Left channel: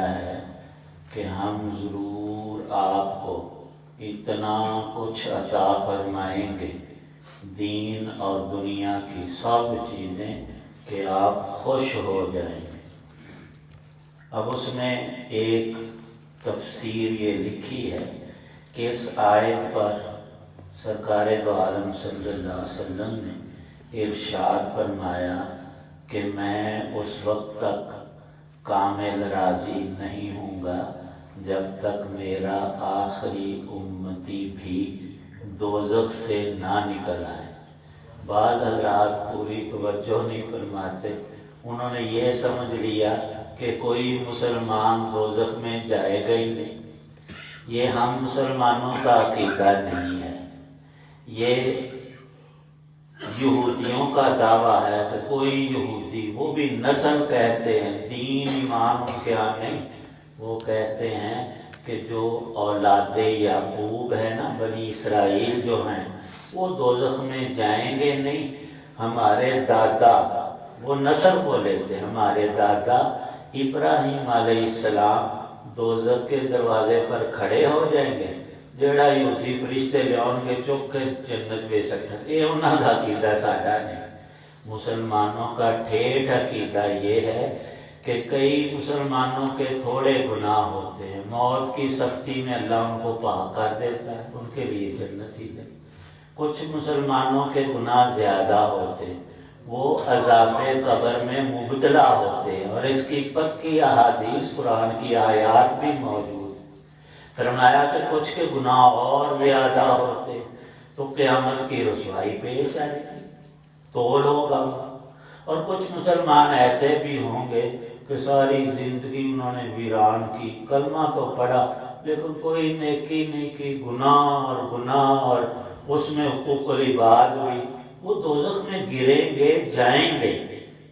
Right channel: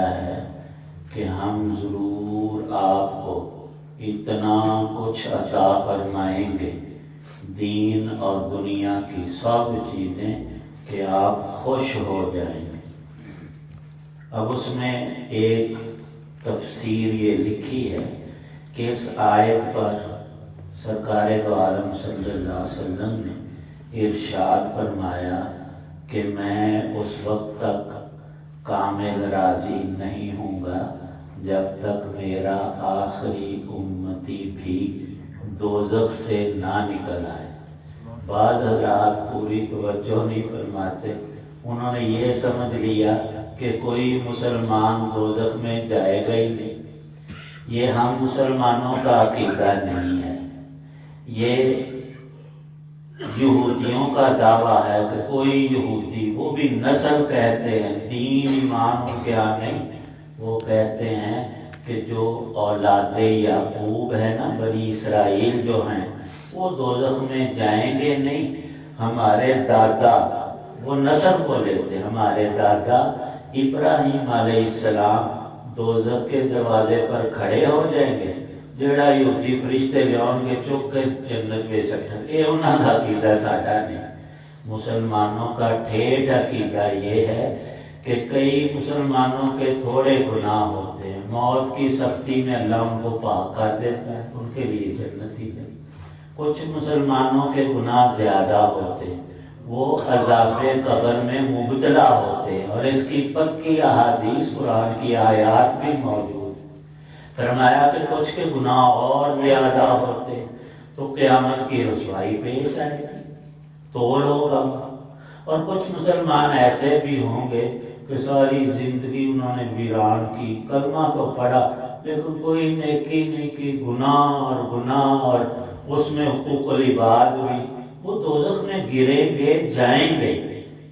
ہے کہ ہم ضرور آپ کو اتنا کچھ عطا فرمائیں گے، دین اور دنیا کی سب چیزیں، کہ آپ خوش ہو جائیں گے۔ اب اس میں ایک تفسیر یہ لکھی ہے کہ اس آیت پر سرکار دو عالم صلی اللہ علیہ وسلم نے ارشاد فرمایا کہ میں اس وقت تک کامل راضی نہیں ہوں گا جب تک میرا آخری امتی بھی دوزخ سے نہ نکل آئے۔ بعض حضرات پوری توجہ نہیں فرماتے، انہوں نے یہ سمجھ لیا کہ کوئی مسلمان دوزخ میں جائے گا ہی نہیں۔ یہ ہم مسلمانوں کا عقیدہ نہیں ہے، یہ یہودیوں کا دعویٰ ہے کہ کوئی یہودی، وہ بھی نسل کہتے ہیں، دین ایمان کیا نہیں، وہ کہتے ہیں کہ جو اولاد یعقوب ہے نا، بنی اسرائیل جو ہیں، وہ دوزخ میں جائیں گے نہیں۔ ہمارے دادا، وہ نسل کو لیتے، ہمارے دادا ابراہیم علیہ السلام دوزخ کے دروازے پر کھڑے ہو جائیں گے، جڑا یہودی فرشتے لیاؤں گے چک کے جنت میں سٹھن۔ یہ انہاں کا عقیدہ ساڈا نہیں۔ مسلمانوں کا ٹھیٹھ عقیدہ یہ ہے کہ کئی مسلمانوں کے تھوڑے گناہ ہوتے ہیں، موت کی سختی میں اللہ ان کو پاک کر دیتا ہے، ان کے لیے جنت ہی نہیں۔ کچھ مسلمانوں کے گناہ زیادہ ہوتے، وہ عذاب قبر میں مبتلا ہوتے، اور اس کی پکی احادیث قرآن کی آیات بھی موجود۔ فرمایا کہ کچھ کے گناہ اور زیادہ ہوتے تو قیامت کی رسوائی پیش آئے گی، تو لوگ اور کچھ مسلمان ایسے بھی ہوں گے کہ ساری زندگی انہوں نے ویران کی، کلمہ تو پڑھا لیکن کوئی نیکی نہیں کی، گناہ اور اس میں حقوق العباد بھی، وہ دوزخ میں گریں گے، جائیں گے۔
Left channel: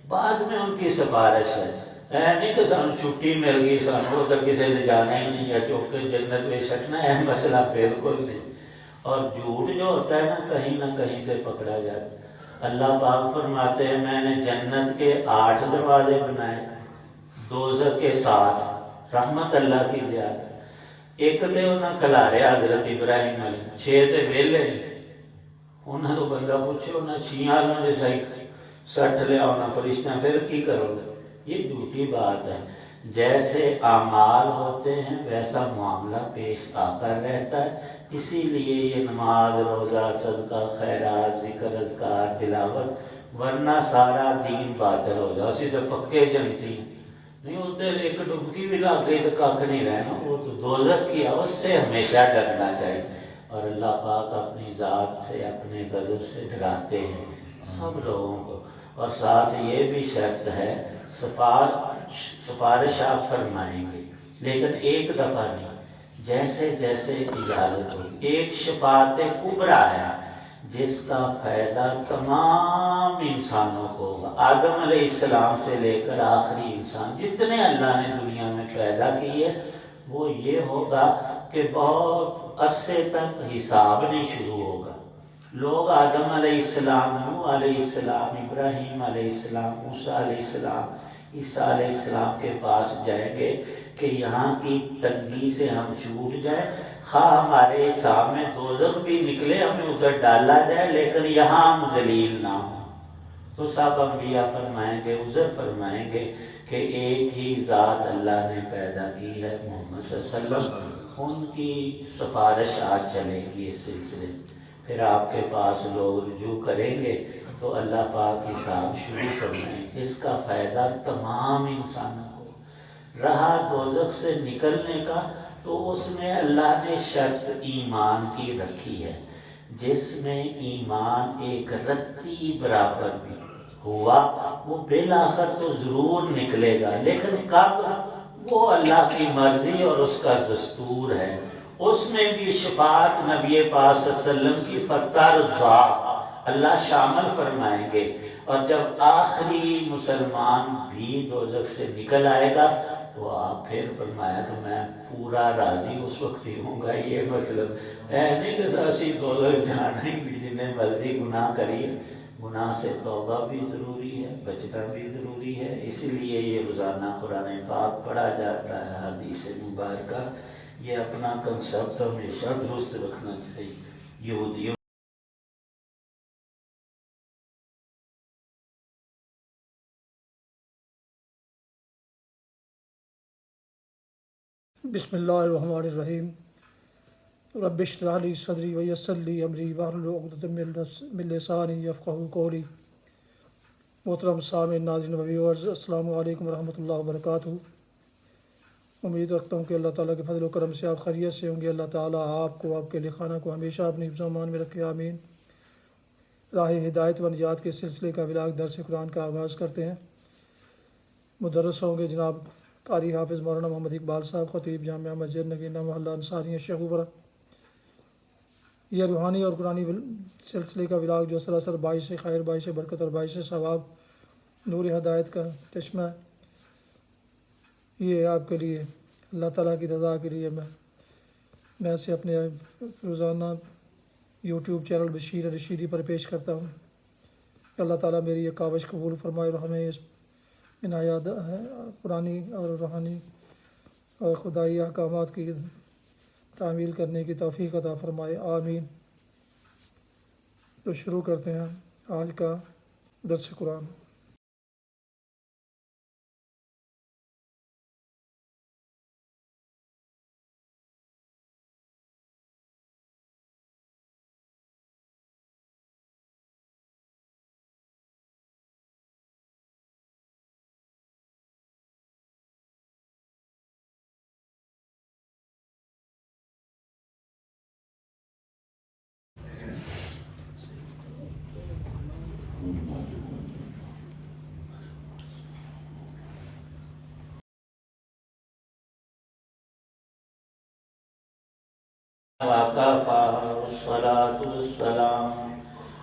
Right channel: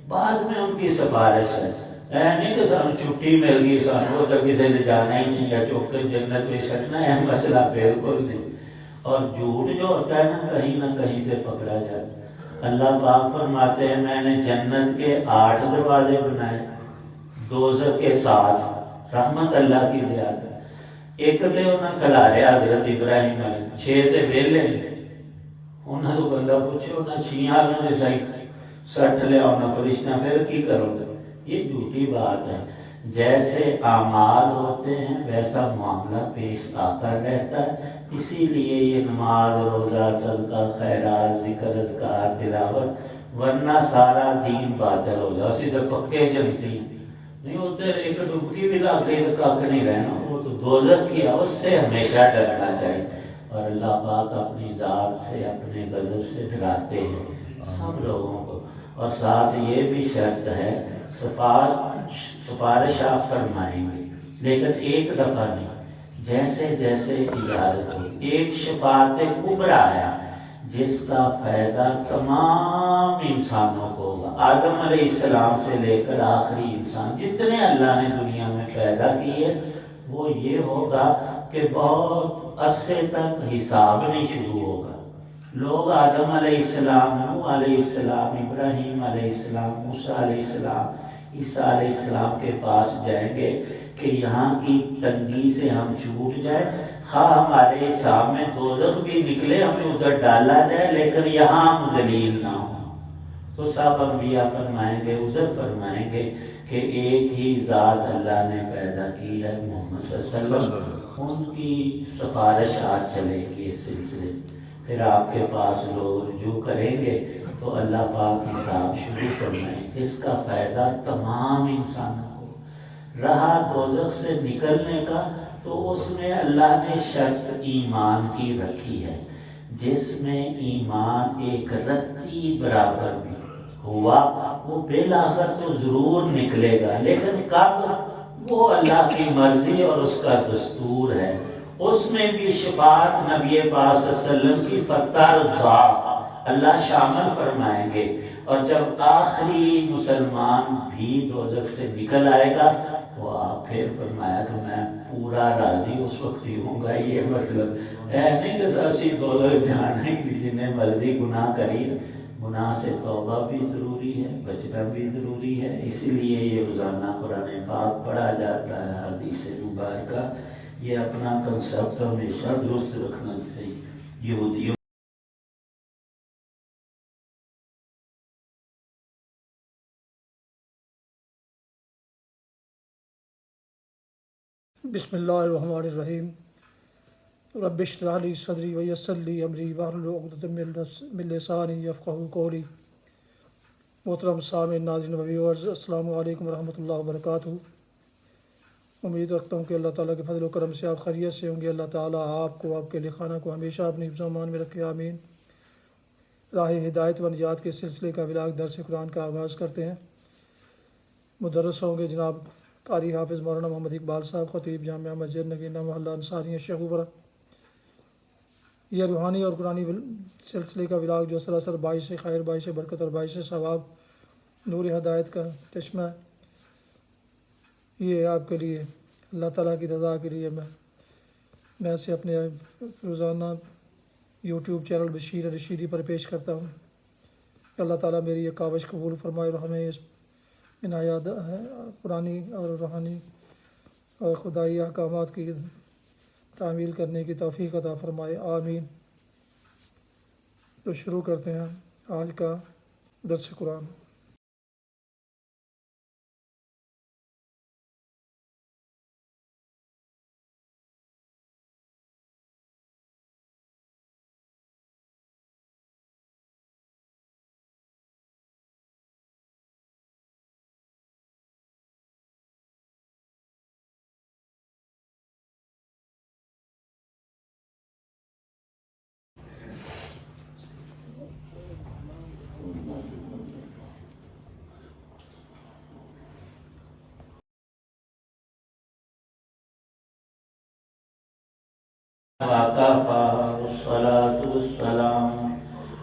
بعد میں ان کی سفارش ہے، نہیں کہ سانو چھٹی مل گئی، سانو ادھر کسی نے جانا ہی نہیں، یا چوک کے جنت میں سٹنا ہے، مسئلہ بالکل نہیں۔ اور جھوٹ جو ہوتا ہے نہ کہیں سے پکڑا جاتا ہے۔ اللہ پاک فرماتے ہیں میں نے جنت کے 8 دروازے بنائے، دوزخ کے 7، رحمت اللہ کی زیادت۔ ایک تے انہاں کھلاریا حضرت ابراہیم علیہ، 6 تے ویلے، انہاں تو بندہ پوچھے انہاں 6 آلوں نے صحیح سٹھ لیا انہاں فرشتہ، پھر کی کرو گے؟ یہ جھوٹی بات ہے۔ جیسے اعمال ہوتے ہیں ویسا معاملہ پیش آتا رہتا ہے، اسی لیے یہ نماز، روزہ، صدقہ، خیرات، ذکر، اذکار، تلاوت، ورنہ سارا دین باطل ہوگا۔ اسی تو پکے جنتی نہیں ہوتے، ایک ڈبکی بھی لگ گئی تو کھ نہیں رہنا، وہ تو دوزخ کی، اس سے ہمیشہ ڈرنا چاہیے۔ اور اللہ پاک اپنی ذات سے، اپنے غضب سے ڈراتے ہیں سب لوگوں کو۔ اور ساتھ یہ بھی شرط ہے، سفارش آپ فرمائیں گے لیکن ایک دفعہ نہیں، جیسے جیسے اجازت ہو۔ ایک شفاعت کبریٰ ہے جس کا فائدہ تمام انسانوں کو ہوگا، آدم علیہ السلام سے لے کر آخری انسان جتنے اللہ نے دنیا میں پیدا کیے، وہ یہ ہوگا کہ بہت عرصے تک حساب نہیں شروع ہوگا۔ لوگ آدم علیہ السلام، نوح علیہ السلام، ابراہیم علیہ السلام، موسیٰ علیہ السلام، عیسیٰ علیہ السلام کے پاس جائیں گے کہ یہاں کی تنگی سے ہم چھوٹ جائیں، خواہ ہمارے حساب میں دوزخ بھی نکلے، ہمیں ادھر ڈالا جائے لیکن یہاں ہم ذلیل نہ ہوں۔ تو سب انبیاء فرمائیں گے، عذر فرمائیں گے کہ ایک ہی ذات اللہ نے پیدا کی ہے، محمد صلی اللہ علیہ وسلم، ان کی سفارش آج چلے گی اس سلسلے۔ پھر آپ کے پاس لوگ رجوع کریں گے تو اللہ پاک حساب شروع فرمائیں۔ اس کا فائدہ تمام انسانوں کو۔ رہا دوزخ سے نکلنے کا، تو اس میں اللہ نے شرط ایمان کی رکھی ہے، جس میں ایمان ایک رتی برابر بھی ہوا، وہ بالآخر تو ضرور نکلے گا، لیکن کب، وہ اللہ کی مرضی اور اس کا دستور ہے۔ اس میں بھی شفاعت نبی پاک صلی اللہ علیہ وسلم کی فتح اللہ شامل فرمائیں گے۔ اور جب آخری مسلمان بھی دوزخ سے نکل آئے گا تو آپ پھر فرمایا کہ میں پورا راضی اس وقت ہی ہوں گا۔ یہ مطلب نہیں کہ اسی دوزخ جانے کی، جنہیں مرضی گناہ کری، گناہ سے توبہ بھی ضروری ہے، بچنا بھی ضروری ہے، اس لیے یہ روزانہ قرآن پاک پڑھا جاتا ہے، حدیث مبارکہ۔ یہ اپنا کنسپٹ ہمیشہ درست رکھنا چاہیے۔ یہودیوں بسم اللہ الرحمن الرحیم۔ رب اشرح لی صدری ویسر لی امری واحلل عقدۃ من لسانی یفقہوا قولی۔ محترم سامعین، ناظرین و ویورز، السلام علیکم ورحمۃ اللہ وبرکاتہ۔ امید رکھتا ہوں کہ اللہ تعالیٰ کے فضل و کرم سے آپ خیریت سے ہوں گے۔ اللہ تعالیٰ آپ کو، آپ کے اہل خانہ کو ہمیشہ اپنی حفظ و امان میں رکھے، آمین۔ راہ ہدایت و نجات کے سلسلے کا ولاگ درس قرآن کا آغاز کرتے ہیں۔ مدرس ہوں گے جناب قاری حافظ مولانا محمد اقبال صاحب، خطیب جامعہ مسجد نگینہ محلہ انصاریہ شیخوپورہ۔ یہ روحانی اور قرآنی سلسلے کا ولاگ جو سراسر باعث خیر، باعث برکت اور باعث ثواب، نور ہدایت کا چشمہ ہے، یہ آپ کے لیے اللہ تعالیٰ کی رضا کے لیے میں اسے اپنے روزانہ یوٹیوب چینل بشیر رشیدی پر پیش کرتا ہوں۔ اللہ تعالیٰ میری یہ کاوش قبول فرمائے اور ہمیں اس عنایات قرآنی اور روحانی اور خدائی احکامات کی تعمیل کرنے کی توفیق عطا فرمائے، آمین۔ تو شروع کرتے ہیں آج کا درس قرآن۔ وكفى والصلاة والسلام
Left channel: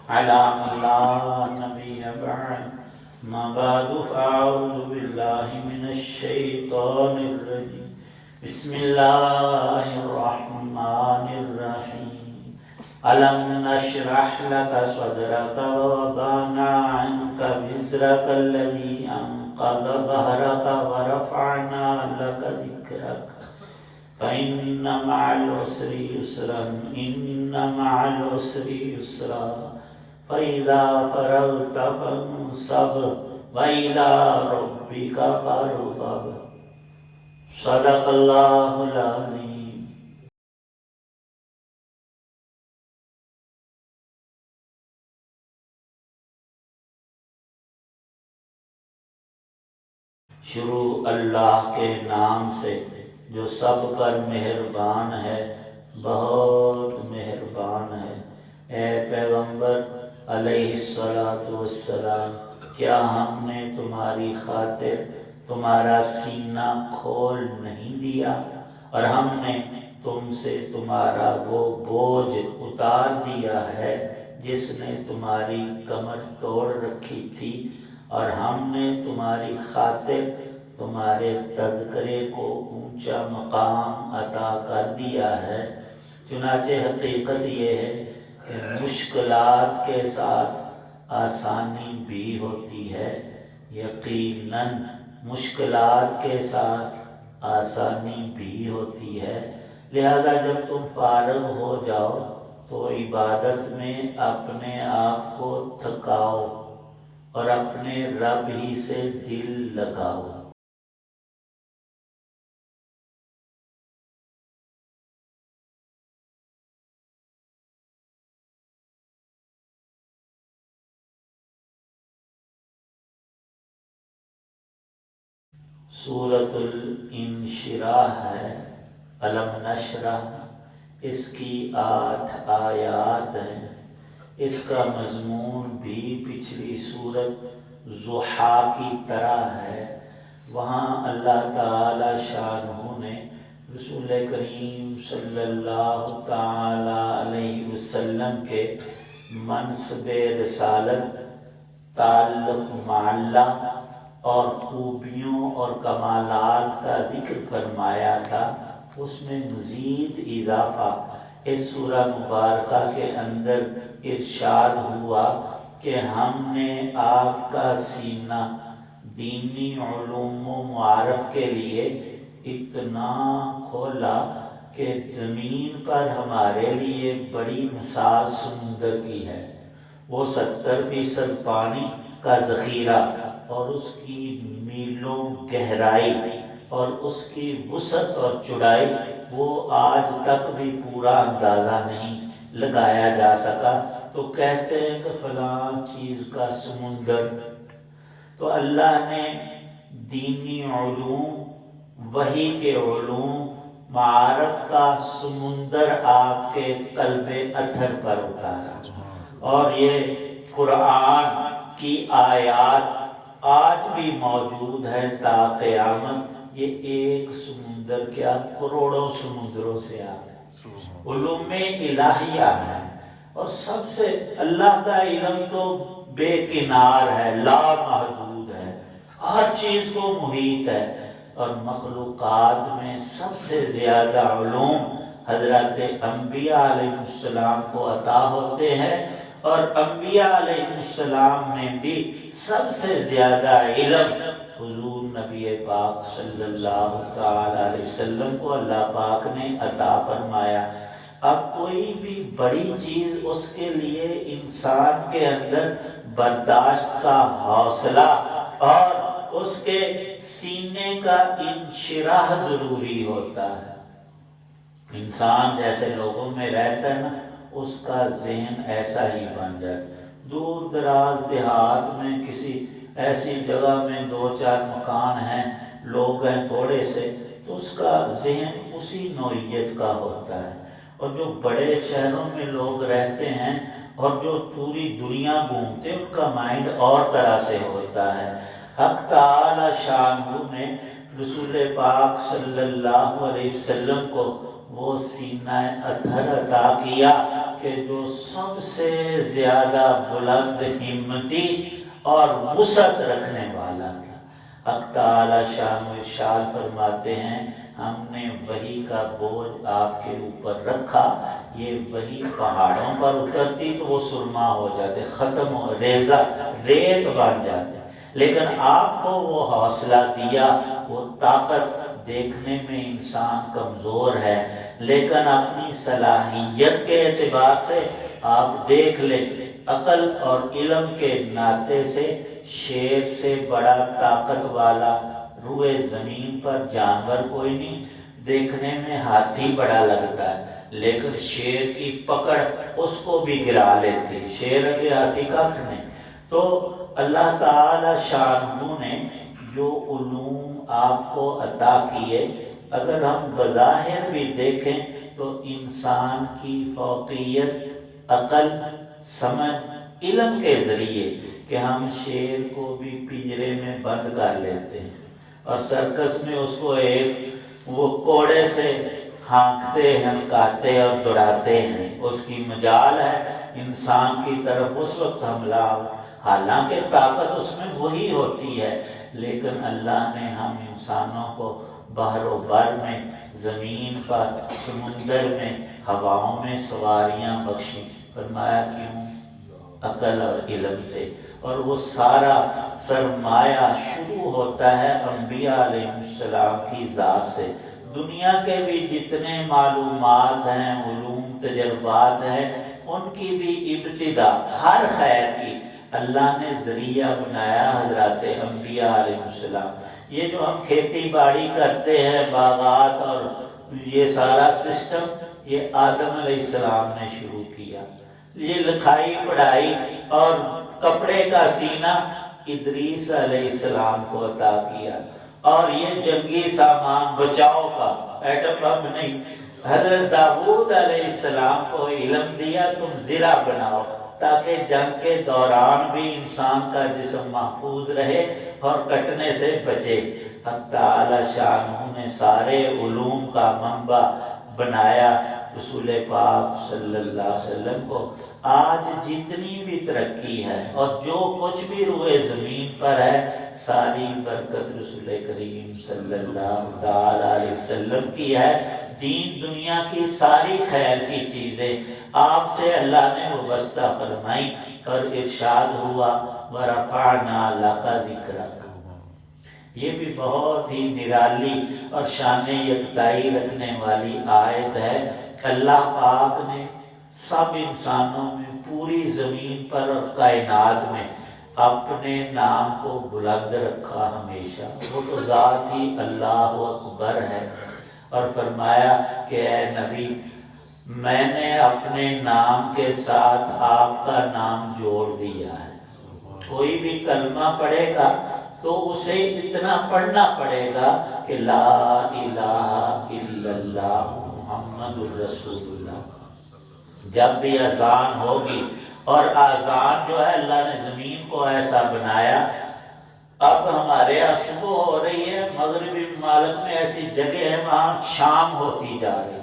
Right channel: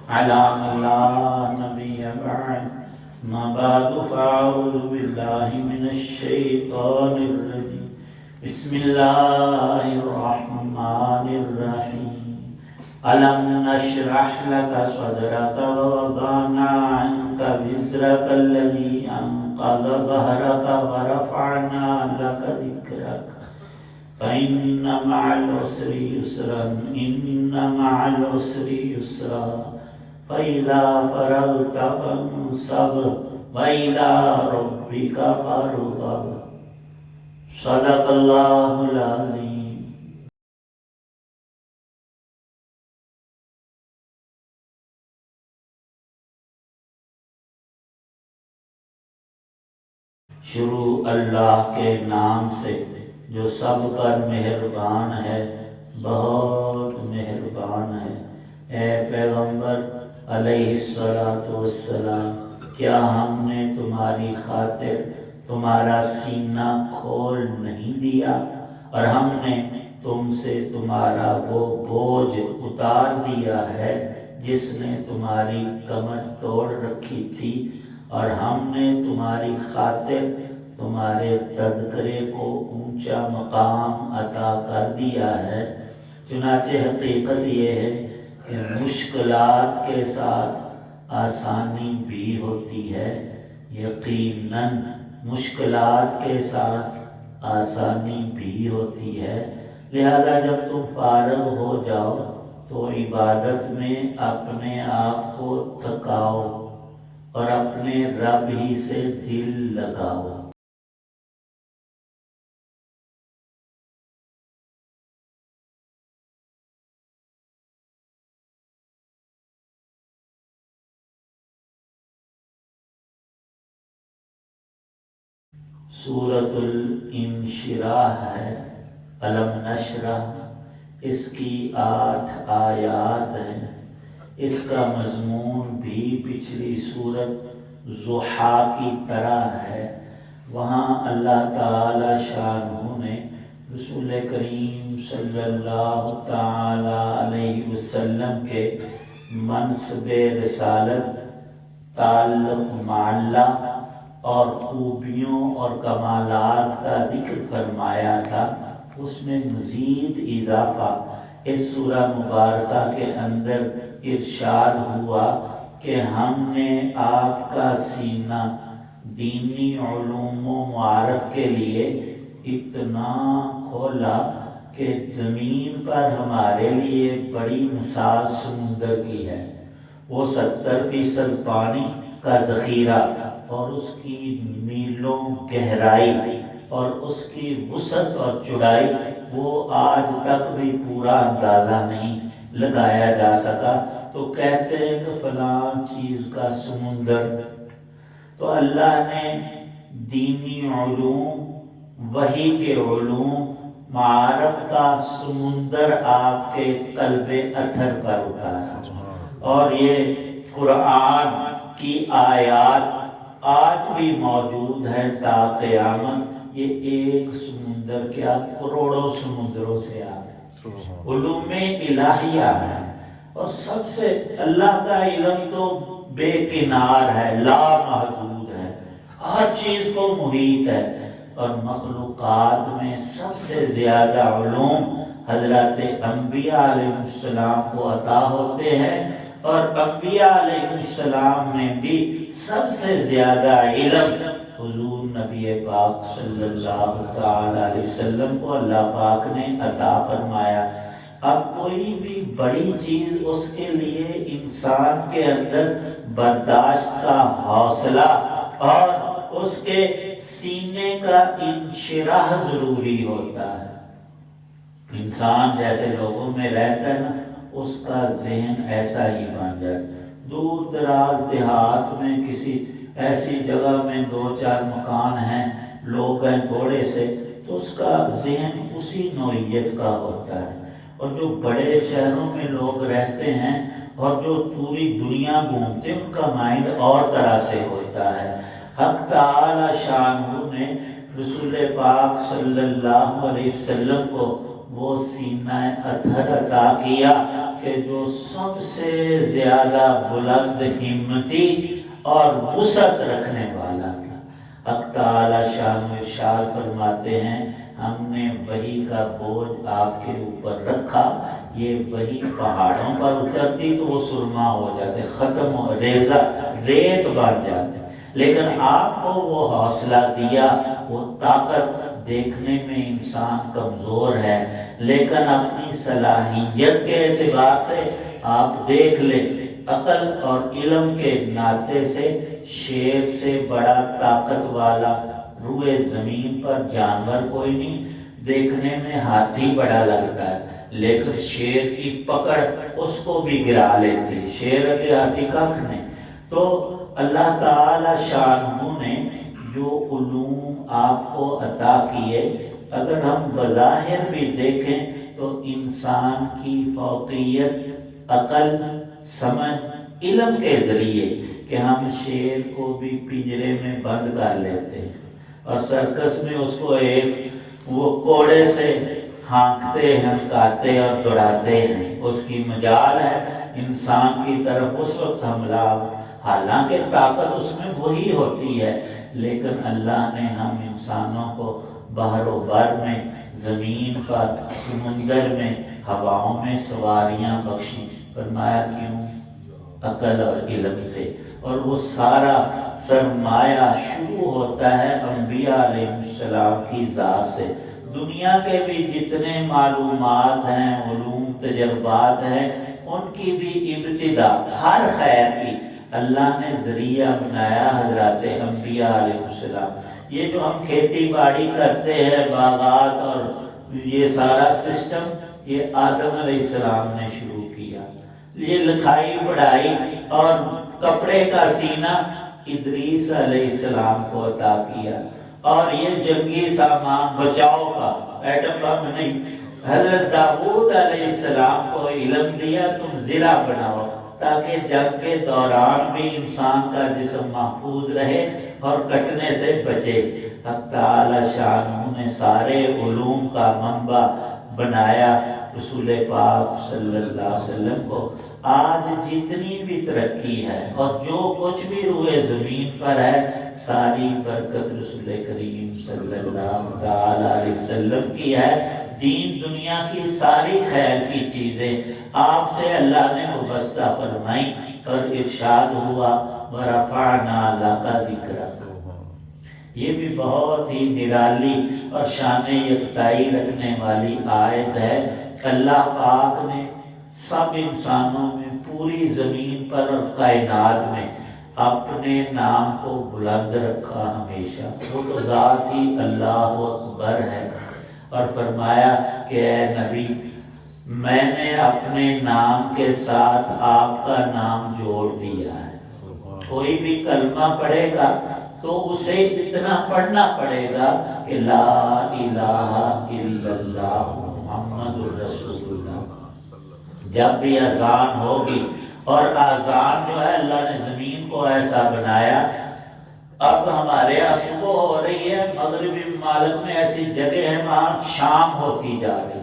على من لا نبي بعد، ما بعد فأعوذ بالله من الشيطان الرجيم، بسم الله الرحمن الرحيم، ألم نشرح لك صدرك ووضعنا عنك وزرك الذي أنقض ظهرك ورفعنا لك ذكرك، فإن مع العسر يسرا، إن مع العسر يسرا، فإذا فرغت فانصب وإلى ربك فارغب، صدق اللہ العظیم۔ شروع اللہ کے نام سے جو سب پر مہربان ہے، بہت مہربان ہے۔ اے پیغمبر علیہ السلام، کیا ہم نے تمہاری خاطر تمہارا سینہ کھول نہیں دیا، اور ہم نے تم سے تمہارا وہ بوجھ اتار دیا ہے جس نے تمہاری کمر توڑ رکھی تھی، اور ہم نے تمہاری خاطر تمہارے تذکرے کو اونچا مقام عطا کر دیا ہے۔ چنانچہ حقیقت یہ ہے کہ مشکلات کے ساتھ آسانی بھی ہوتی ہے، یقیناً مشکلات کے ساتھ آسانی بھی ہوتی ہے۔ لہذا جب تم فارغ ہو جاؤ تو عبادت میں اپنے آپ کو تھکاؤ اور اپنے رب ہی سے دل لگاؤ۔ سورۃ الانشراح ہے، الم نشرح، اس کی 8 آیات ہیں۔ اس کا مضمون بھی پچھلی سورت ضحیٰ کی طرح ہے۔ وہاں اللہ تعالی شانہ نے رسول کریم صلی اللہ تعالی علیہ وسلم کے منصب رسالت، تعلق مع اللہ اور خوبیوں اور کمالات کا ذکر فرمایا تھا۔ اس میں مزید اضافہ اس سورہ مبارکہ کے اندر ارشاد ہوا کہ ہم نے آپ کا سینہ دینی علوم و معارف کے لیے اتنا کھولا کہ زمین پر ہمارے لیے بڑی مثال سمندر کی ہے۔ وہ 70% پانی کا ذخیرہ اور اس کی میلوں گہرائی اور اس کی وسعت اور چوڑائی وہ آج تک بھی پورا اندازہ نہیں لگایا جا سکا۔ تو کہتے ہیں کہ فلاں چیز کا سمندر۔ تو اللہ نے دینی علوم، وحی کے علوم، معارف کا سمندر آپ کے قلب اطہر پر اتارا، اور یہ قرآن کی آیات آج بھی موجود ہے تا قیامت۔ یہ ایک سمندر کیا کروڑوں سمندروں سے آئے، علوم الہیہ ہے۔ اور سب سے اللہ کا علم تو بے کنار ہے، لا محدود ہے، ہر چیز کو محیط ہے۔ اور مخلوقات میں سب سے زیادہ علوم حضرت انبیاء علیہ السلام کو عطا ہوتے ہیں، اور انبیاء علیہ السلام میں بھی سب سے زیادہ علم حضور نبی پاک صلی اللہ تعالی علیہ وسلم کو اللہ پاک نے عطا فرمایا۔ اب کوئی بھی بڑی چیز اس کے لیے انسان کے اندر برداشت کا حوصلہ اور اس کے سینے کا انشراح ضروری ہوتا ہے۔ انسان جیسے لوگوں میں رہتا ہے نا، اس کا ذہن ایسا ہی بن جائے۔ دور دراز دیہات میں کسی ایسی جگہ میں 2-4 مکان ہیں، لوگ ہیں تھوڑے سے، تو اس کا ذہن اسی نوعیت کا ہوتا ہے۔ اور جو بڑے شہروں میں لوگ رہتے ہیں اور جو پوری دنیا گھومتے ہیں، ان کا مائنڈ اور طرح سے ہوتا ہے۔ حق تعالی شانہ نے رسول پاک صلی اللہ علیہ وسلم کو وہ سینہ اطہر عطا کیا کہ جو سب سے زیادہ بلند ہمتی اور وسعت رکھنے والا تھا۔ حق تعالی شانہ ارشاد فرماتے ہیں، ہم نے وحی کا بوجھ آپ کے اوپر رکھا، یہ وحی پہاڑوں پر اترتی تو وہ سرما ہو جاتے، ختم ہو، ریزہ ریت بن جاتے، لیکن آپ کو وہ حوصلہ دیا۔ وہ طاقت دیکھنے میں انسان کمزور ہے، لیکن اپنی صلاحیت کے اعتبار سے آپ دیکھ لیں، عقل اور علم کے ناطے سے شیر سے بڑا طاقت والا روئے زمین پر جانور کوئی نہیں۔ دیکھنے میں ہاتھی بڑا لگتا ہے، لیکن شیر کی پکڑ اس کو بھی گرا لیتی، شیر کے ہاتھی کخ نہیں۔ تو اللہ تعالی شانہ نے جو علوم آپ کو عطا کیے، اگر ہم بظاہر بھی دیکھیں تو انسان کی فوقیت عقل، سمجھ، علم کے ذریعے کہ ہم شیر کو بھی پنجرے میں بند کر لیتے ہیں اور سرکس میں اس کو ایک وہ کوڑے سے ہانکتے ہیں، کاتے اور دوڑاتے ہیں، اس کی مجال ہے انسان کی طرف اس وقت حملہ، حالانکہ طاقت اس میں وہی ہوتی ہے، لیکن اللہ نے ہم انسانوں کو بحر و بر میں، زمین پر، سمندر میں، ہواؤں میں سواریاں بخشیں۔ فرمایا کیوں؟ عقل اور علم سے۔ اور وہ سارا سرمایہ شروع ہوتا ہے انبیاء علیہ السلام کی ذات سے۔ دنیا کے بھی جتنے معلومات ہیں، علوم، تجربات ہیں، ان کی بھی ابتدا ہر خیر کی اللہ نے ذریعہ بنایا حضرات انبیاء علیہ السلام۔ یہ جو ہم کھیتی باڑی کرتے ہیں، باغات اور یہ سارا سسٹم، یہ آدم علیہ السلام نے شروع کیا۔ یہ لکھائی پڑھائی اور کپڑے کا سینہ ادریس علیہ السلام کو عطا کیا، اور یہ جنگی سامان بچاؤ کا، ایٹم بم نہیں، حضرت داؤد علیہ السلام کو علم دیا، تم زرہ بناؤ تاکہ جنگ کے دوران بھی انسان کا جسم محفوظ رہے اور کٹنے سے بچے۔ حق تعالی شانہ نے سارے علوم کا منبع بنایا رسول پاک صلی اللہ علیہ وسلم کو۔ آج جتنی بھی ترقی ہے اور جو کچھ بھی روئے زمین پر ہے، ساری برکت رسول کریم صلی اللہ علیہ وسلم کی ہے۔ دین دنیا کی ساری خیر کی چیزیں آپ سے اللہ نے وابستہ فرمائی اور ارشاد ہوا وَرَفَعْنَا لَكَ ذِكْرَكَ۔ یہ بھی بہت ہی نرالی اور شان یکتائی رکھنے والی آیت ہے۔ اللہ پاک نے سب انسانوں میں، پوری زمین پر اور کائنات میں اپنے نام کو بلند رکھا ہمیشہ۔ وہ تو ذات ہی اللہ اکبر ہے، اور فرمایا کہ اے نبی میں نے اپنے نام کے ساتھ آپ کا نام جوڑ دیا ہے۔ کوئی بھی کلمہ پڑھے گا تو اسے اتنا پڑھنا پڑے گا کہ لا الہ الا اللہ محمد الرسول اللہ۔ جب بھی اذان ہوگی، اور اذان جو ہے اللہ نے زمین کو ایسا بنایا، اب ہمارے یہاں صبح ہو رہی ہے، مغربی ممالک میں ایسی جگہ ہے وہاں شام ہوتی جا رہی،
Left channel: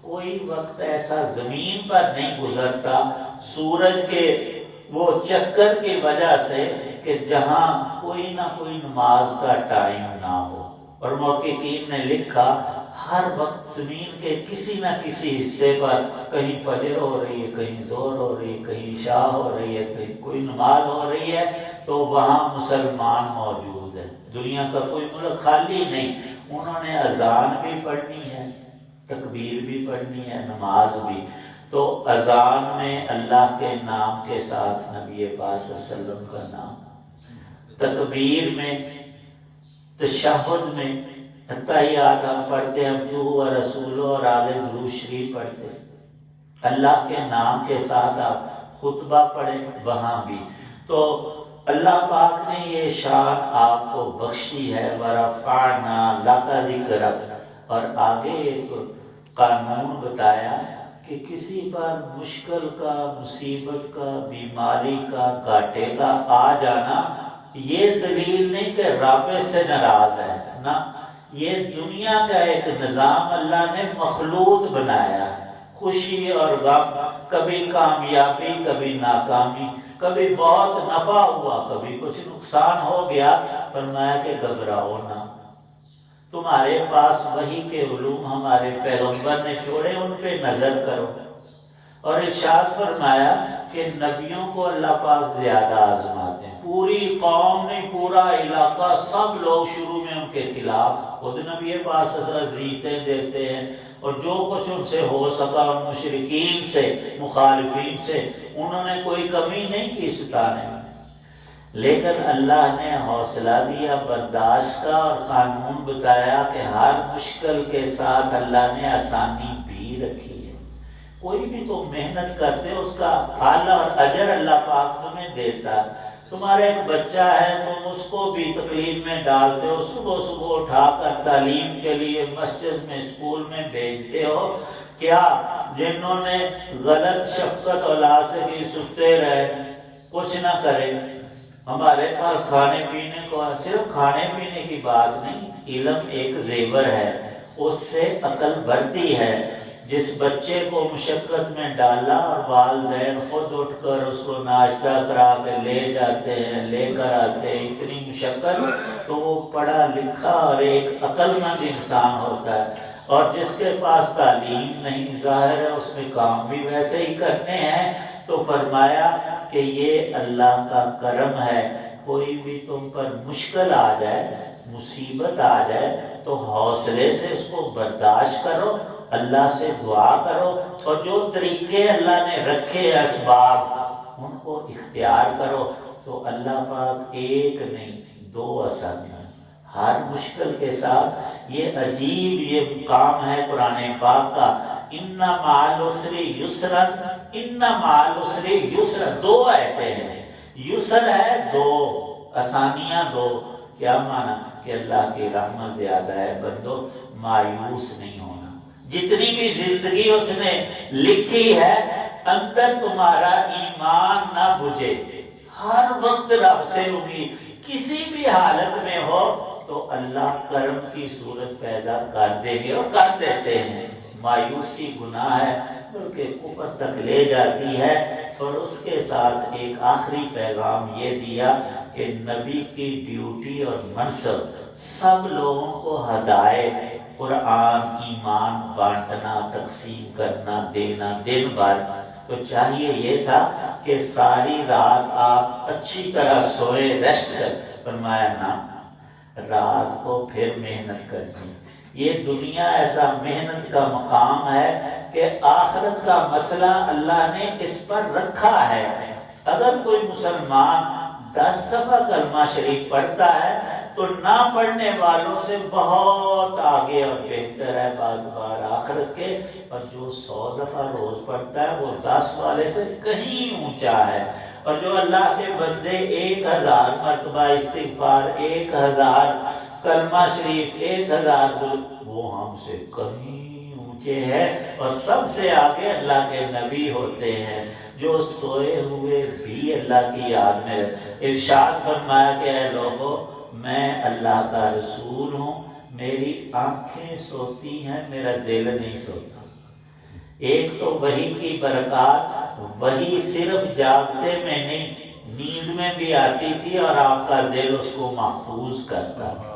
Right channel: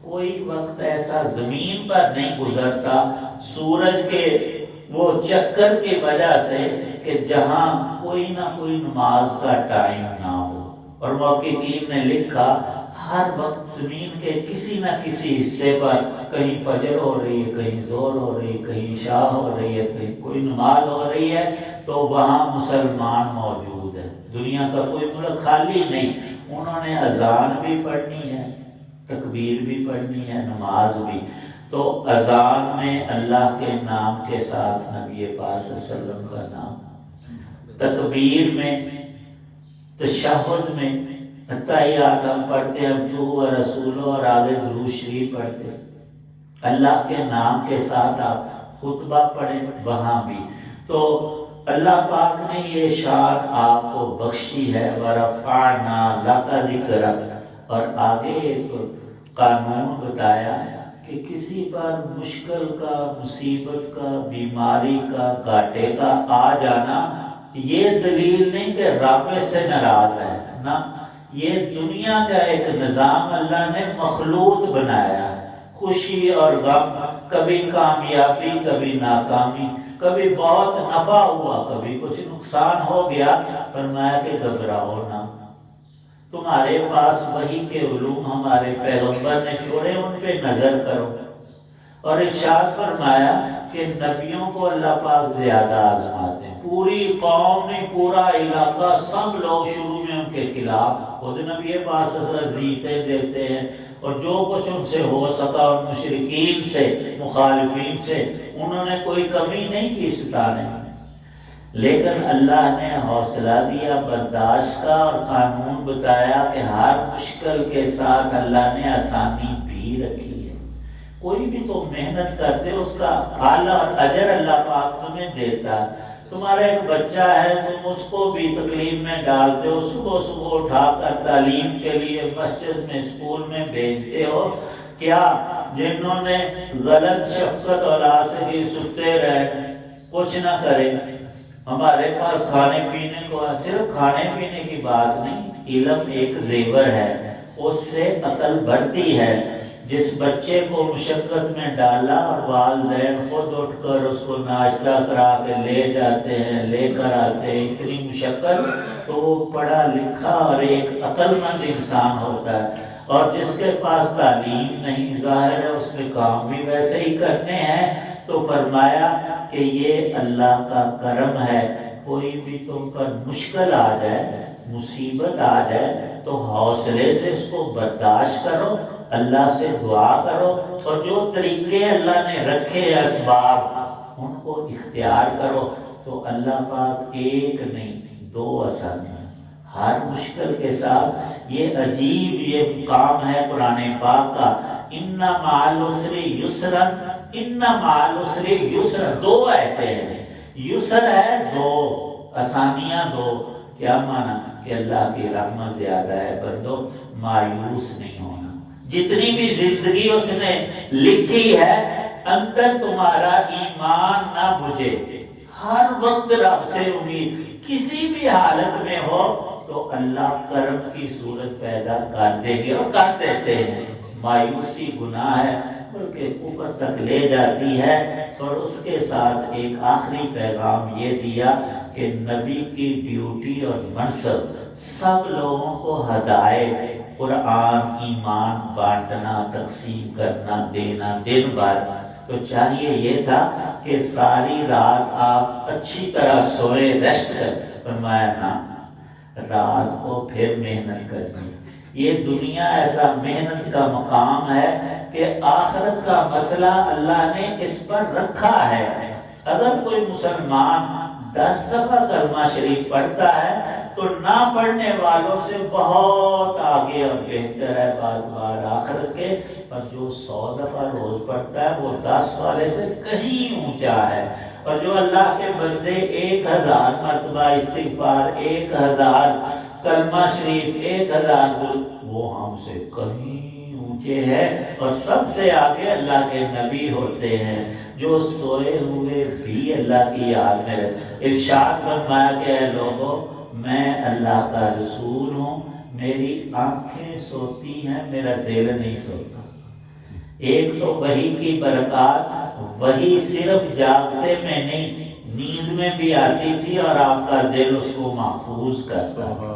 کوئی وقت ایسا زمین پر نہیں گزرتا سورج کے وہ چکر کی وجہ سے کہ جہاں کوئی نہ کوئی نماز کا ٹائم نہ ہو۔ اور محققین نے لکھا ہر وقت زمین کے کسی نہ کسی حصے پر کہیں فجر ہو رہی ہے، کہیں ظہر ہو رہی ہے، کہیں عشاء ہو رہی ہے، کہیں کوئی نماز ہو رہی ہے، تو وہاں مسلمان موجود ہے۔ دنیا کا کوئی ملک خالی نہیں۔ انہوں نے اذان بھی پڑھنی ہے، تکبیر بھی پڑھنی ہے، نماز بھی۔ تو اذان میں اللہ کے نام کے ساتھ نبی پاک صلی اللہ علیہ وسلم کا نام، تکبیر میں، تشہد میں تحیات ہم پڑھتے ہیں، جو و رسول اور آگے درود شریف پڑھتے ہیں، اللہ کے نام کے ساتھ آپ خطبہ پڑھیں وہاں بھی۔ تو اللہ پاک نے یہ شان آپ کو بخشی ہے، وَرَفَعْنَا لَكَ ذِكْرَكَ، اور آگے ایک قانون بتایا کہ کسی پر مشکل کا، مصیبت کا، بیماری کا، گھاٹے کا آ جانا یہ دلیل نہیں کہ رب سے ناراض ہے، نہ، یہ دنیا کا ایک نظام اللہ نے مخلوط بنایا ہے۔ خوشی اور غم، کبھی کامیابی کبھی ناکامی، کبھی بہت نفع ہوا کبھی کچھ نقصان ہو گیا، فرمایا کہ گھبراؤ نہ، تمہارے پاس وحی کے علوم ہمارے پیغمبر نے چھوڑے، ان پہ نظر کرو۔ اور ارشاد فرمایا کہ نبیوں کو اللہ پاک زیادہ آزماتے ہیں، پوری قوم نے، پورا علاقہ، سب لوگ شروع میں ان کے خلاف، خود نبی پاک عزیزیں دیتے ہیں، اور جو کچھ ان سے ہو سکا ان مشرکین سے، مخالفین سے، انہوں نے کوئی کمی نہیں کی ستانے میں، لیکن اللہ نے حوصلہ دیا برداشت کا، اور قانون بتایا کہ ہر مشکل کے ساتھ اللہ نے آسانی بھی رکھی ہے۔ کوئی بھی تو محنت کرتے اس کا پھل اور اجر اللہ پاک تمہیں دیتا ہے۔ تمہارا ایک بچہ ہے، تم اس کو بھی تکلیف میں ڈالتے ہو، صبح صبح اٹھا کر تعلیم کے لیے مسجد میں، اسکول میں بھیجتے ہو، کیا جنہوں نے غلط شفقت اولاد سے بھی ستے رہے، کچھ نہ کرے؟ ہمارے پاس کھانے پینے کو، صرف کھانے پینے کی بات نہیں، علم ایک زیور ہے، اس سے عقل بڑھتی ہے۔ جس بچے کو مشقت میں ڈالا اور والدین خود اٹھ کر اس کو ناشتہ کرا کے لے جاتے ہیں، لے کر آتے ہیں، اتنی مشقت، تو وہ پڑھا لکھا اور ایک عقل مند انسان ہوتا ہے۔ اور جس کے پاس تعلیم نہیں، ظاہر ہے اس نے کام بھی ویسے ہی کرنے ہیں۔ تو فرمایا کہ یہ اللہ کا کرم ہے، کوئی بھی تم پر مشکل آ جائے، مصیبت آ جائے تو حوصلے سے اس کو برداشت کرو، اللہ سے دعا کرو، اور جو طریقے اللہ نے رکھے ہیں اسباب ان کو اختیار کرو، تو اللہ پاک ایک نہیں دو آسانیاں ہر مشکل کے ساتھ۔ یہ عجیب یہ کام ہے قرآن پاک کا، ان مع العسر یسرا، ان مع العسر یسرا، دو آیتیں ہیں، یسر ہے دو، آسانیاں دو۔ کیا معنی؟ کہ اللہ کی رحمت زیادہ ہے، بندو مایوس نہیں ہونا۔ جتنی بھی زندگی اس نے لکھی ہے، اندر تمہارا ایمان نہ بجھے، ہر وقت رب سے امید، کسی بھی حالت میں ہو تو اللہ کرم کی صورت پیدا کر دیں گے، اور کر دیتے ہیں۔ مایوسی گناہ ہے، بلکہ اوپر تک لے جاتی ہے۔ اور اس کے ساتھ ایک آخری پیغام یہ دیا کہ نبی کی ڈیوٹی اور منصب سب لوگوں کو ہدایت، قرآن، ایمان بانٹنا، تقسیم کرنا، دینا، دن بھر تو چاہیے یہ تھا کہ ساری رات آپ اچھی طرح سوئے، ریسٹ کر. فرمایا نا، رات کو پھر محنت کرنی. یہ دنیا ایسا محنت کا مقام ہے کہ آخرت کا مسئلہ اللہ نے اس پر رکھا ہے. اگر کوئی مسلمان 10 دفعہ کلمہ شریف پڑھتا ہے تو نہ پڑھنے والوں سے بہت آگے اور بہتر ہے بار آخرت کے. پر جو 100 دفعہ روز پڑھتا ہے وہ 10 والے سے کہیں اونچا ہے. اور جو اللہ کے بندے 1000 مرتبہ استغفار، 1000 کلمہ شریف، 1000 درود، وہ ہم سے کہیں اونچے ہیں. اور سب سے آگے اللہ کے نبی ہوتے ہیں جو سوئے ہوئے بھی اللہ کی یاد میں. ارشاد فرمایا کہ اے لوگوں، میں اللہ کا رسول ہوں، میری آنکھیں سوتی ہیں، میرا دل نہیں سوتا. ایک تو وحی کی برکات، وحی صرف جاگتے میں نہیں، نیند میں بھی آتی تھی اور آپ کا دل اس کو محفوظ کرتا ہے.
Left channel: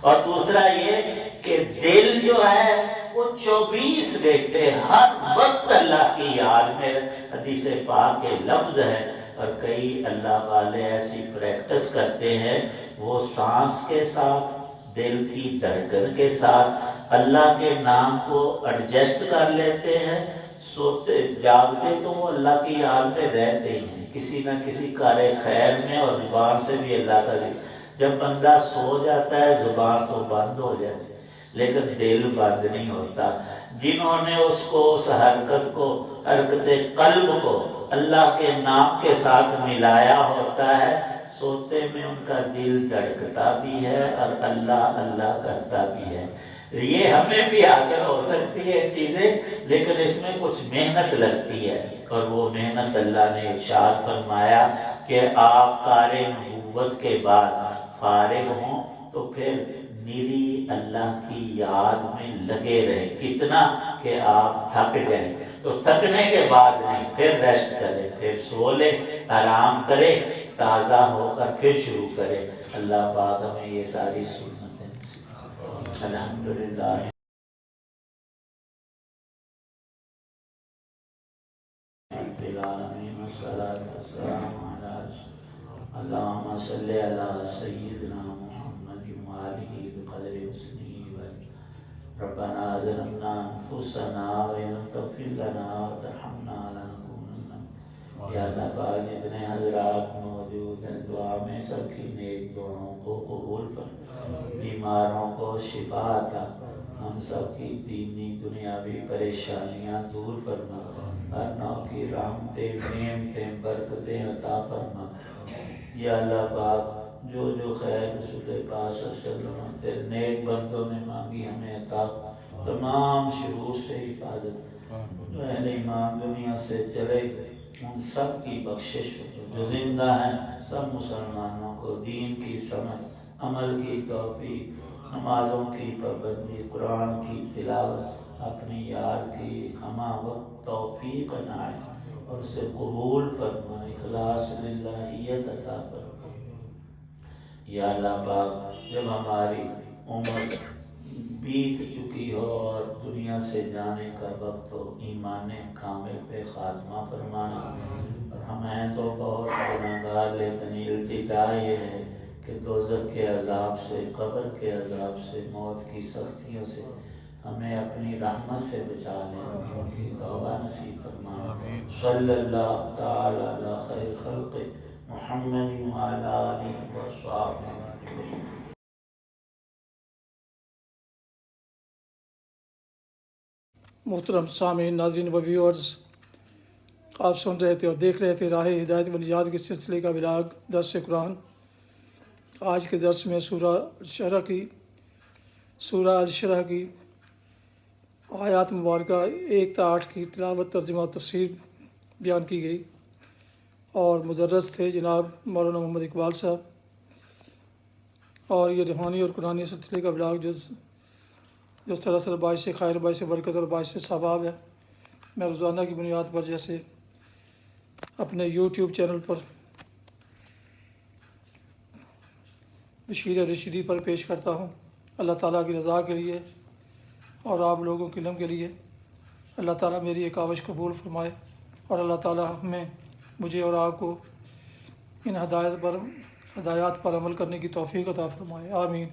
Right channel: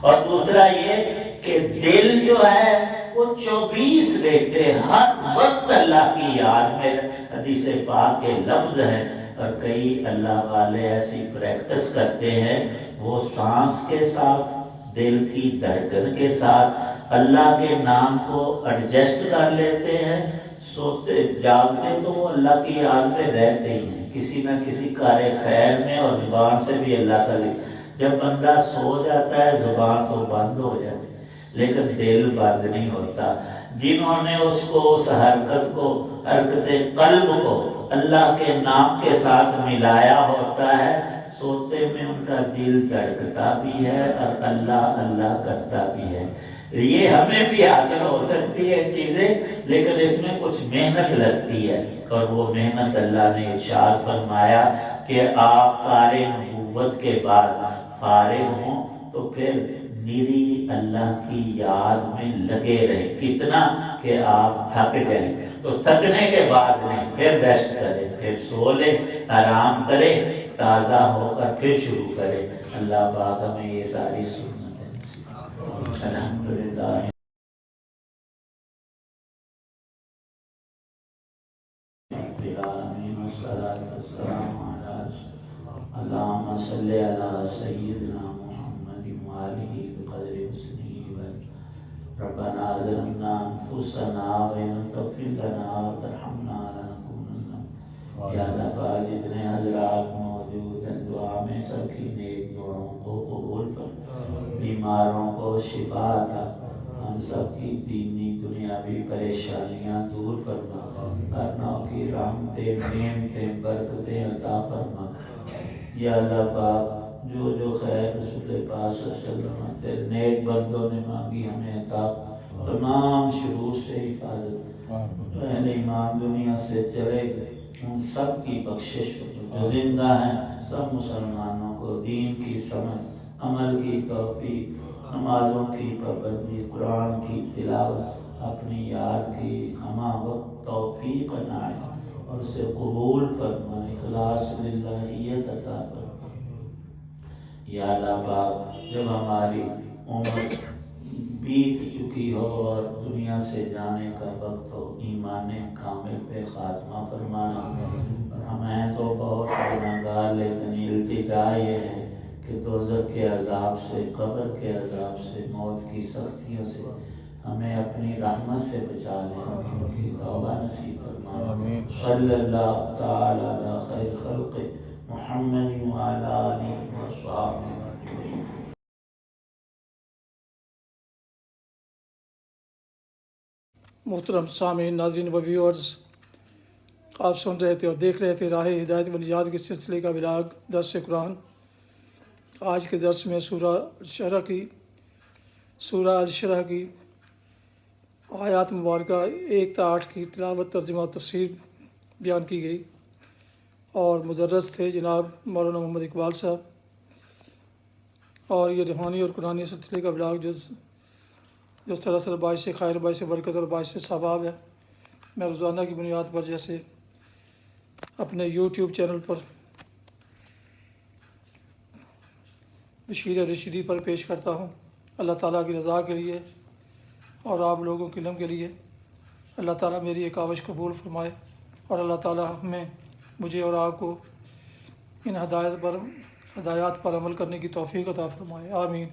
اور دوسرا یہ کہ دل جو ہے وہ 24 گھنٹے ہر وقت اللہ کی یاد میں. حدیث پاک کے لفظ ہے. اور کئی اللہ والے ایسی پریکٹس کرتے ہیں، وہ سانس کے ساتھ، دل کی دھڑکن کے ساتھ اللہ کے نام کو ایڈجسٹ کر لیتے ہیں. سوتے جاگتے تو وہ اللہ کی یاد میں رہتے ہیں، کسی نہ کسی کار خیر میں، اور زبان سے بھی اللہ کا ذکر. جب بندہ سو جاتا ہے زبان تو بند ہو جاتی ہے لیکن دل بند نہیں ہوتا. جنہوں نے اس کو، اس حرکت کو، حرکت قلب کو اللہ کے نام کے ساتھ ملایا ہوتا ہے، سوتے میں ان کا دل دھڑکتا بھی ہے اور اللہ اللہ کرتا بھی ہے. یہ ہمیں بھی حاصل ہو سکتی ہے چیزیں، لیکن اس میں کچھ محنت لگتی ہے. اور وہ محنت اللہ نے ارشاد فرمایا کہ آپ کار نبوت کے بعد فارغ ہوں تو پھر میری اللہ کی یاد میں لگے رہے. کتنا کہ آپ تھک جائیں تو تھکنے کے بعد نہیں، پھر ریسٹ کرے، پھر سو لے، آرام کرے، تازہ ہو کر پھر شروع کرے. اللہ پاک ہمیں یہ ساری سنتیں الحمدللہ. اللهم صل على سيدنا محمد وآله بقدر حسنه. ربنا ظلمنا أنفسنا وإن لم تغفر لنا وترحمنا لنكونن. یا اللہ پاک جتنے حضرات موجود ہیں، دعا میں سب کی نیک دعاؤں کو قبول فرما، بیماروں کو شفا عطا، ہم سب کی دینی دنیاوی پریشانیاں دور فرما، ہر نوع کی رحمتیں، نعمتیں، برکتیں عطا فرما. یا اللہ پاک جو جو خیر رسول پاک صلی اللہ علیہ وسلم تیرے نیک بندوں نے مانگی ہمیں عطا. تمام شرور سے حفاظت. جو اہل ایمان دنیا سے چلے گئے ان سب کی بخشش. جو زندہ ہیں سب مسلمانوں کو دین کی سمجھ، عمل کی توفیق، نمازوں کی پابندی، قرآن کی تلاوت، اپنی یاد کی ہمہ وقت توفیق عنایت اور اسے قبول فرما، اخلاص للہیت عطا فرما. یا اللہ پاک جب ہماری عمر بیت چکی ہو اور دنیا سے جانے کا وقت ہو، ایمان کامل پہ خاتمہ فرمانا. اور ہمیں تو بہت گناہگار، لیکن التجا یہ ہے کہ دوزخ کے عذاب سے، قبر کے عذاب سے، موت کی سختیوں سے ہمیں اپنی رحمت سے بچا لے، کی توبہ نصیب فرما. صلی اللہ تعالی علی خیر خلق محمد وعلی آلہ وصحبہ اجمعین. محترم سامعین، ناظرین و ویورز، آپ سن رہے تھے اور دیکھ رہے تھے راہ ہدایت و نجات کے سلسلے کا ولاگ درس قرآن. آج کے درس میں سورہ الشرح کی آیات مبارکہ 1 تا 8 کی تلاوت، ترجمہ اور تفسیر بیان کی گئی، اور مدرس تھے جناب مولانا محمد اقبال صاحب. اور یہ روحانی اور قرآنی سلسلے کا ولاگ جو سراسر باعث خیر، باعث برکت اور باعث ثواب ہے. میں روزانہ کی بنیاد پر جیسے اپنے یوٹیوب چینل پر بشیر رشیدی پر پیش کرتا ہوں. اللہ تعالیٰ کی رضا کے لیے اور آپ لوگوں کے علم کے لیے اللہ تعالیٰ میری ایک کاوش قبول فرمائے. اور اللہ تعالی ہمیں مجھے اور آپ کو ان ہدایات پر عمل کرنے کی توفیق عطا فرمائے، آمین۔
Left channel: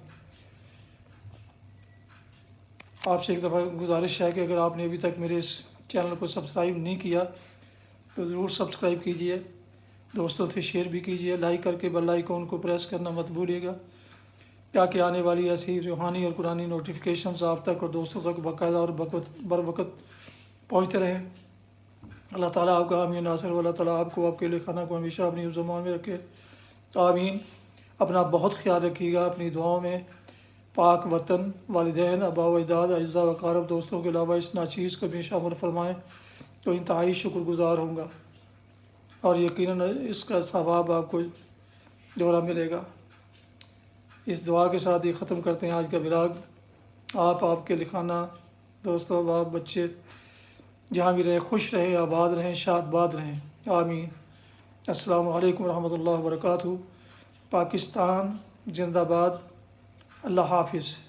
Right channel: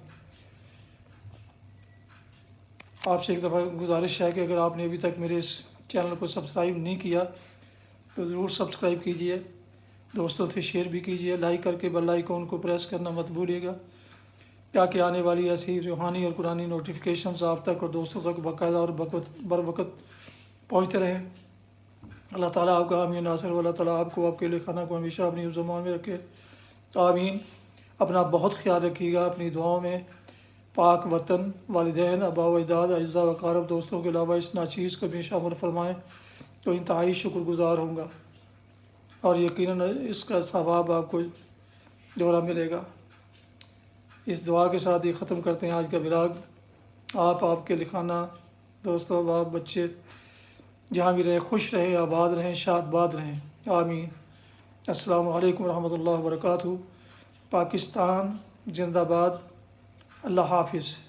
آپ سے ایک دفعہ گزارش ہے کہ اگر آپ نے ابھی تک میرے اس چینل کو سبسکرائب نہیں کیا تو ضرور سبسکرائب کیجئے، دوستوں سے شیئر بھی کیجئے، لائک کر کے بیل آئیکن کو پریس کرنا مت بھولیے گا تاکہ آنے والی ایسی روحانی اور قرآنی نوٹیفیکیشنز آپ تک اور دوستوں تک باقاعدہ اور بر وقت پہنچتے رہیں۔ اللہ تعالیٰ آپ کا حامی ناصر و اللہ تعالیٰ آپ کو، آپ کے خانہ کو ہمیشہ اپنی زمان میں رکھے، آمین۔ اپنا بہت خیال رکھیے گا، اپنی دعاؤں میں پاک وطن، والدین، آباء و اجداد، اعزاء و اقارب، دوستوں کے علاوہ اس ناچیز کو بھی شامل فرمائیں تو انتہائی شکر گزار ہوں گا اور یقیناً اس کا ثواب آپ کو دوبارہ ملے گا۔ اس دعا کے ساتھ یہ ختم کرتے ہیں آج کا ولاگ۔ آپ کے لکھانا، دوستوں، باپ، بچے جہاں بھی رہیں خوش رہیں، آباد رہیں، شاد باد رہیں، آمین۔ السلام علیکم ورحمۃ اللہ وبرکاتہ۔ پاکستان زندہ باد۔ اللہ حافظ۔